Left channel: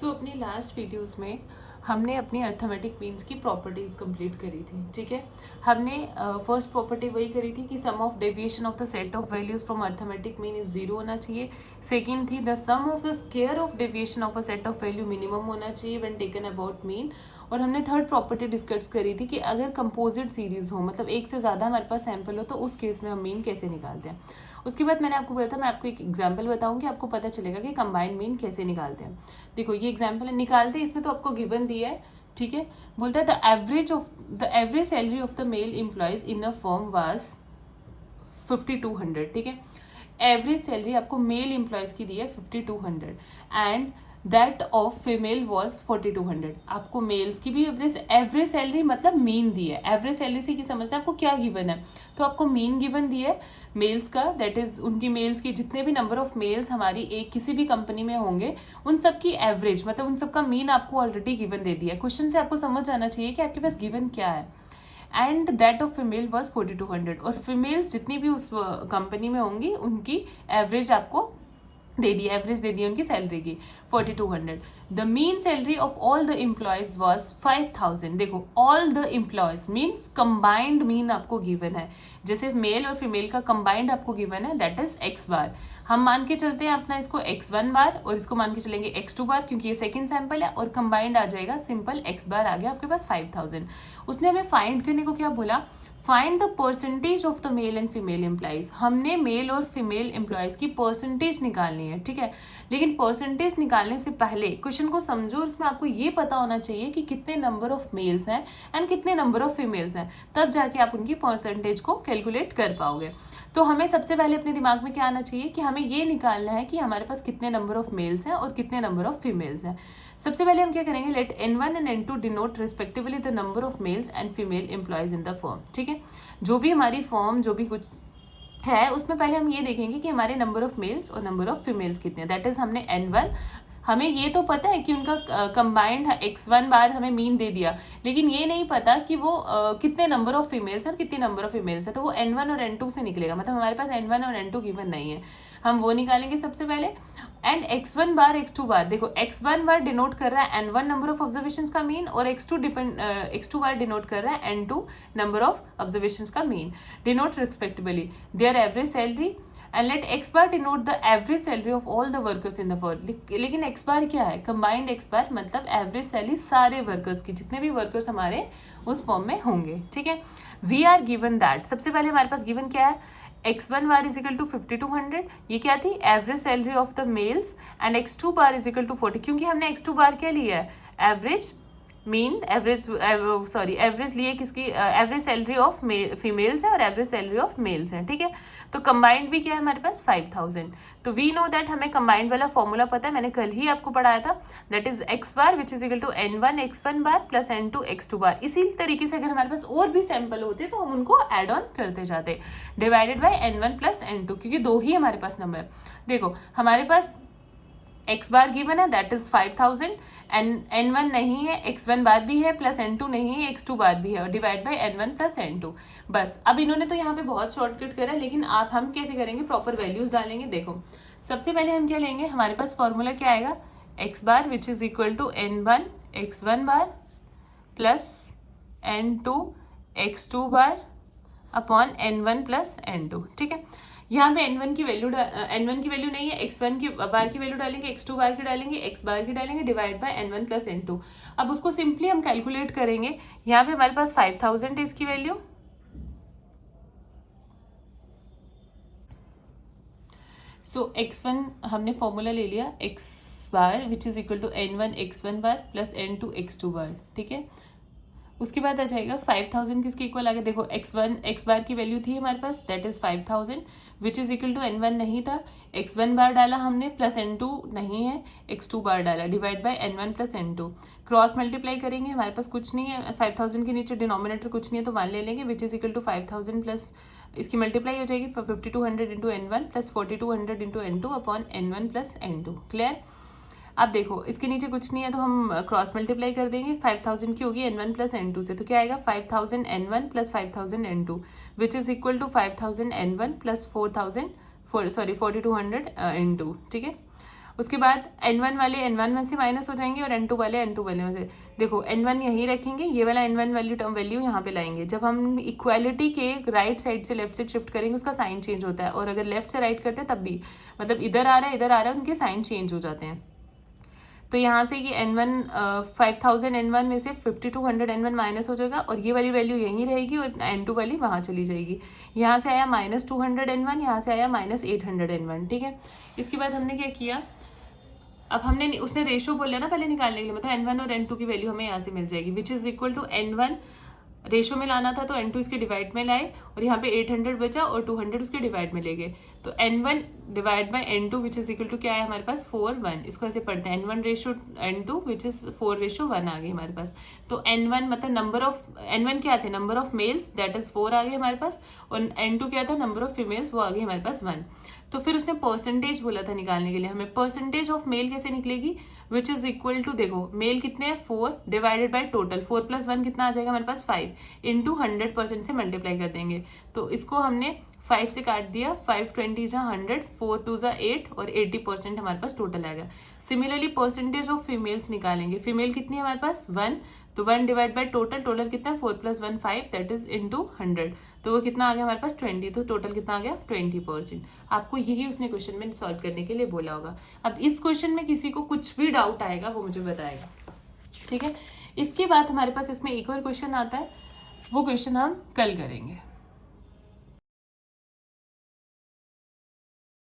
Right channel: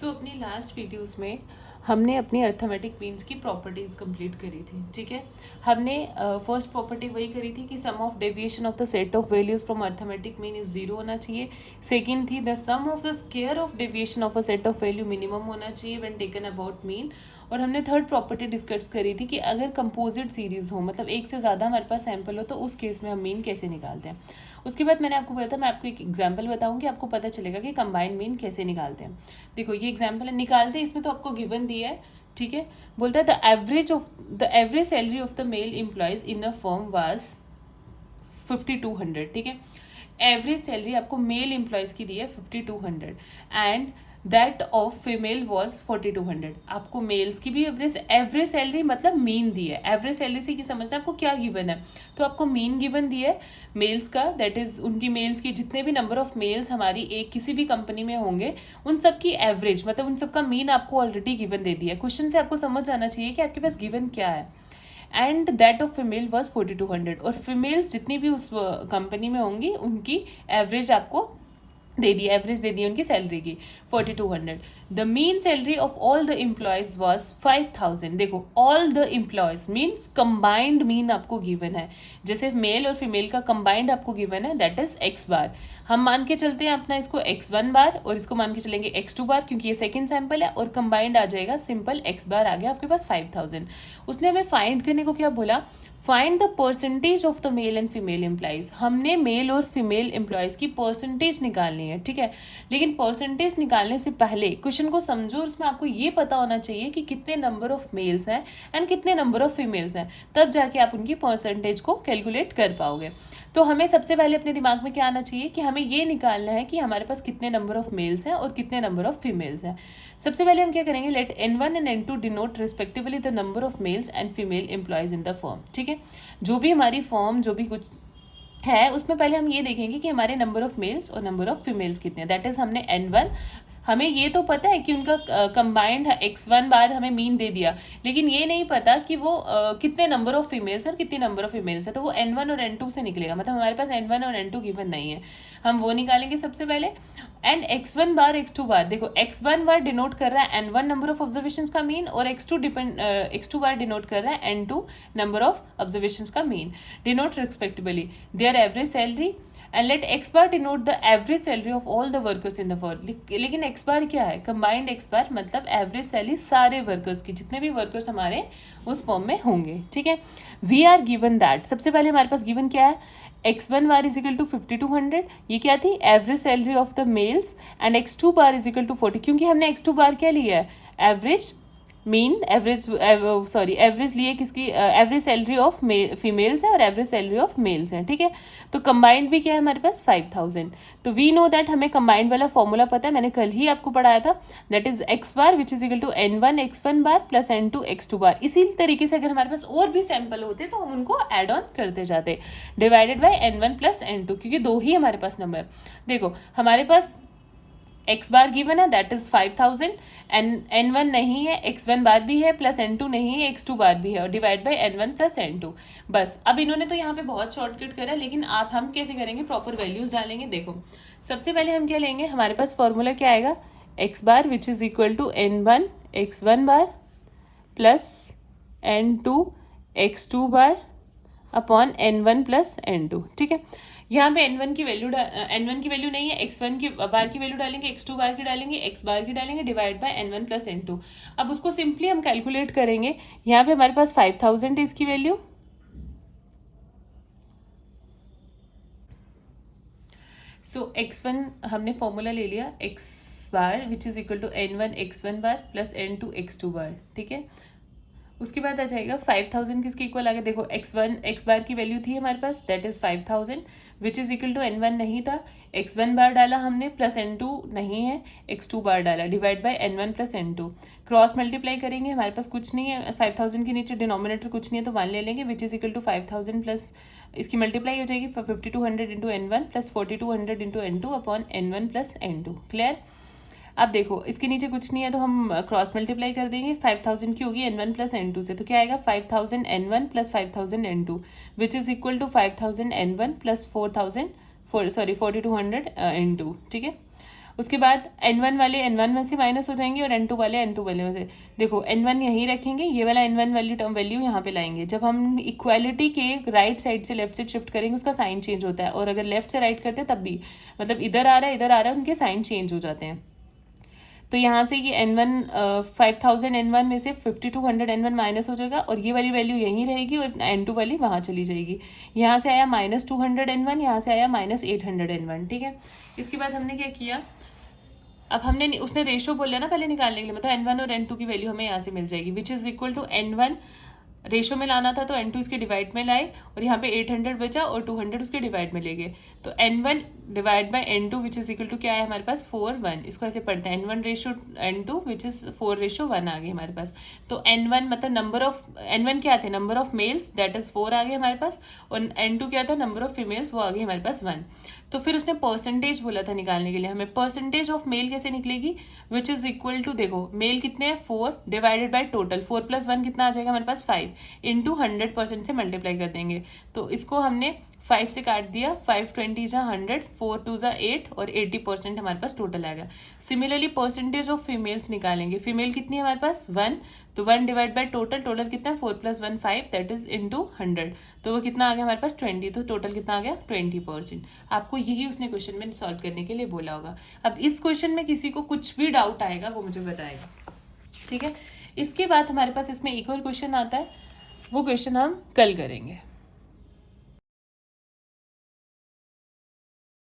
सो अपनी last videos में हमने अपनी अर्थमेटिक मीन्स की प्रॉपर्टीज कंप्लीट करी थी। ठीक है, हमने फर्स्ट प्रॉपर्टी वही करी थी कि sum of deviation of the set of values from arithmetic mean is zero होना चाहिए। सेकंड थी the sum of the square of deviation of a set of value minimum होना चाहिए व्हेन टेकन अबाउट मीन। और हमने third property discuss करी थी कि अगर कंपोजिट सीरीज हो, मतलब एक से ज़्यादा हमारे पास सैंपल हो, तो उस केस में हम मीन कैसे निकालते हैं। उसके बाद मैंने आपको बोला था मैं आपको एक एग्जांपल बताऊंगी, आपको पता चलेगा कि कंबाइंड मीन कैसे निकालते हैं। देखो ये एग्जांपल है, निकालते हैं, इसमें तो आपको गिवन दिया है। ठीक है, बोलता है the average salary of the mail employees in a firm was 5200। ठीक है, एवरेज सैलरी आपको मेल एम्प्लॉयज की दी है 5200 and that of female was 4200। आपको मेल्स की भी एवरेज सैलरी मतलब मीन दी है। एवरेज सैलरी से क्या समझना है, आपको क्या गिवन है, तो आपको मीन गिवन दी है मेल्स का, दैट इज उनकी मेल्स की जितने भी नंबर ऑफ मेल्स हमारी एक किसी भी कंपनी में होंगे उन सब की एवरेज, मतलब उन सब का मीन आपको ऑलरेडी गिवन दे दिया है। क्वेश्चन से आपको समझ आना चाहिए कि आपके पास गिवन क्या है। And that of female was 4200, और फीमेल्स जितनी भी उस कंपनी में होंगी उनकी एवरेज आपको दे दी, एवरेज दे दी उनकी सैलरी की 4200। The mean salary of all the employees was 5000। देखो all the employees means combined mean आपको गिवन है, जैसे मेल और फीमेल का कंबाइंड आपको गिवन है, दैट इज एक्स बार। हम मान के चलते हैं अपना इसको x1 बार और इसको मान के चलेंगे x2 बार, क्योंकि ये सेकंड सैंपल है, और कंबाइंड आ जाएगा सिंपल x बार आ गया आपके पास 5000। उसने हमें फाइंड करने को क्या बोला, find the percentage of the male and female employees. हमने मेल और फीमेल एम्प्लॉयज की परसेंटेज निकालनी है। ठीक है, लेकिन परसेंटेज निकालने से पहले क्वेश्चन को समझो, उसमें आपको ये पता होना चाहिए कि कितने नंबर ऑफ मेल्स हैं एंड कितने नंबर ऑफ फीमेल्स हैं, तब जाके आप उनकी परसेंटेज को कैलकुलेट कर पाओगे। तो हमें सबसे पहले अपने दिमाग में क्या आना चाहिए कि हमें ये निकालना है कि हमारे पास कितने नंबर ऑफ मेल्स हैं और कितने नंबर ऑफ फीमेल्स हैं। सबसे पहले हम क्या करेंगे, let n1 and n2 denote respectively the number of males and female employees in the firm. ठीक है, जो भी हमारी फर्म जो भी कुछ है उसमें पहले हम ये देखेंगे कि हमारे नंबर ऑफ मेल्स और नंबर ऑफ फीमेल्स कितने हैं। दैट इज हमने n1, हमें ये तो पता है कि उनका कंबाइंड x1 बार हमें मीन दे दिया, लेकिन ये नहीं पता कि वो कितने नंबर ऑफ फीमेल्स और कितने नंबर ऑफ फीमेल्स है, तो वो n1 और n2 से निकलेगा, मतलब हमारे पास n1 और n2 गिवन नहीं है, हम वो निकालेंगे सबसे पहले। एंड x1 बार x2 बार, देखो x1 बार डिनोट कर रहा है n1 नंबर ऑफ ऑब्जर्वेशन का मीन, और x2 बार डिनोट कर रहा है n2 नंबर ऑफ ऑब्जर्वेशन का mean, denote respectively there average salary and let x bar denote the average salary of all the workers in the firm. लेकिन x बार क्या है, combined x बार मतलब average salary सारे workers की, जितने भी workers हमारे उस फर्म में होंगे। ठीक है, वी आर गिवन दैट, सबसे पहले हमारे पास गिवन क्या है, x1 bar is equal to 5200, ये क्या थी average salary of the males, and x2 bar is equal to 40, क्योंकि हमने x2 बार क्या लिया है, एवरेज मीन, एवरेज लिए किसकी, एवरेज सैलरी ऑफ फीमेल्स है और एवरेज सैलरी ऑफ मेल्स है। ठीक है, तो कंबाइंड भी क्या है हमारे पास 5000। तो वी नो दैट, हमें कंबाइंड वाला फॉर्मूला पता है, मैंने कल ही आपको पढ़ाया था, that is x bar which is equal to n1 x1 bar plus n2 x2 bar. इसी तरीके से अगर हमारे पास और भी सैंपल होते तो हम उनको एड ऑन करते जाते, divided by n1 plus n2, क्योंकि दो ही हमारे पास नंबर। देखो हमारे पास x बार गिवन है दैट इज 5000, n1 नहीं है, x1 बार भी है, प्लस n2 नहीं है, x2 बार भी है, और divide by n1 plus n2। बस, अब इन्होंने तो यहाँ पे बहुत शॉर्टकट करा, लेकिन हम कैसे करेंगे, प्रॉपर वैल्यूज डालेंगे। देखो सबसे पहले हम क्या लेंगे, हमारे पास फॉर्मूला क्या आएगा, x bar which is equal to n1 x1 bar plus n2 x2 bar upon n1 plus n2। ठीक है, यहाँ पे n1 की वैल्यू नहीं है, x1 की बार की वैल्यू डालेंगे, x2 बार की डालेंगे, x बार की डालेंगे, divide by n1 plus n2। अब उसको सिंपली हम कैलकुलेट करेंगे, यहाँ पे हमारे पास 5000 है इसकी वैल्यू, सो x1 हमने फॉर्मूला ले लिया, x bar which is equal to n1 x1 bar plus n2 x2 bar. ठीक है, उसके बाद आ जाएगा 5000 किसके इक्वल आ गया, देखो x बार की वैल्यू थी हमारे पास, that is 5000 which is equal to n1 नहीं था, x1 बार डाला हमने, प्लस n2 नहीं है, x2 बार डाला, divide by n1 plus n2। Cross multiply करेंगे, हमारे पास कुछ नहीं है, 5000 के नीचे डिनोमिनेटर कुछ नहीं है तो 1 ले लेंगे, which is equal to 5000 plus इसकी मल्टीप्लाई हो जाएगी 5200 into n1 plus 4200 into n2 upon n1 plus n2। Clear, अब देखो इसके नीचे कुछ नहीं है तो हम क्रॉस मल्टीप्लाई कर देंगे, 5000 की होगी n1 प्लस n2 से, तो क्या आएगा 5000 n1 plus 5000 n2 which is equal to 5000 n1 plus 4200 n2। ठीक है, उसके बाद N1 वाले N1 में से माइनस हो जाएंगे और N2 वाले N2 वाले में से। देखो N1 यहीं रखेंगे, ये वाला N1 वाली टर्म वैल्यू यहाँ पे लाएंगे। जब हम इक्वालिटी के राइट साइड से लेफ्ट साइड शिफ्ट करेंगे उसका साइन चेंज होता है, और अगर लेफ्ट से राइट करते हैं तब भी, मतलब इधर आ रहा है इधर आ रहा है, उनके साइन चेंज हो जाते हैं। तो यहाँ से ये N1 5000 N1 में से 5200 N1 माइनस हो जाएगा, और ये वाली वैल्यू यहीं रहेगी और N2 वाली वहाँ चली जाएगी। यहाँ से आया -200 N1, यहाँ से आया -800 N1, ठीक है। इसके बाद हमने क्या किया, अब हमने उसने रेशो बोला ना पहले निकालने के लिए, मतलब N1 और N2 की वैल्यू हमें यहाँ से मिल जाएगी, which is equal to N1 ratio में लाना था तो N2 इसके डिवाइड में लाए, और यहाँ पे 800 बचा और 200 उसके डिवाइड में ले गए। तो N1 divide by N2 which is equal to क्या है हमारे पास 4:1। इसको ऐसे पढ़ते हैं N1 ratio N2 which is 4:1 आ गई हमारे पास। तो N1 मतलब नंबर ऑफ, N1 क्या थे, number of males that is 4 आ गए हमारे पास, और N2 क्या था, नंबर ऑफ फीमेल्स, वो आ गई हमारे पास 1। तो फिर उसने परसेंटेज बोला था निकालने के लिए, हमें परसेंटेज ऑफ मेल कैसे निकलेगी, विच इज इक्वल टू, देखो मेल कितने हैं 4 डिवाइडेड बाई टोटल 4 + 1 कितना आ जाएगा हमारे पास 5 इंटू 100% से मल्टीप्लाई कर देंगे। तो इसको हमने 5 से काट दिया, 5 20 जा 100, 4 2 जा 8 और 80% हमारे पास टोटल आएगा। सिमिलरली परसेंटेज ऑफ फीमेल्स निकालेंगे, फीमेल कितनी है हमारे पास 1, तो 1 डिवाइड बाई टोटल, टोटल कितना है 4 + 1 5 दैट इज इंटू 100, तो वो कितना आ गया हमारे पास 20, तो टोटल कितना आ गया 20%। आपको यही उसने क्वेश्चन में सॉल्व करने के लिए बोला होगा। अब इस क्वेश्चन में किसी को कुछ भी डाउट आएगा वो मुझे बताएगा, ठीक है। इसके बाद हमारे पास इसमें एक और क्वेश्चन आता है, वो क्वेश्चन हम कल करेंगे।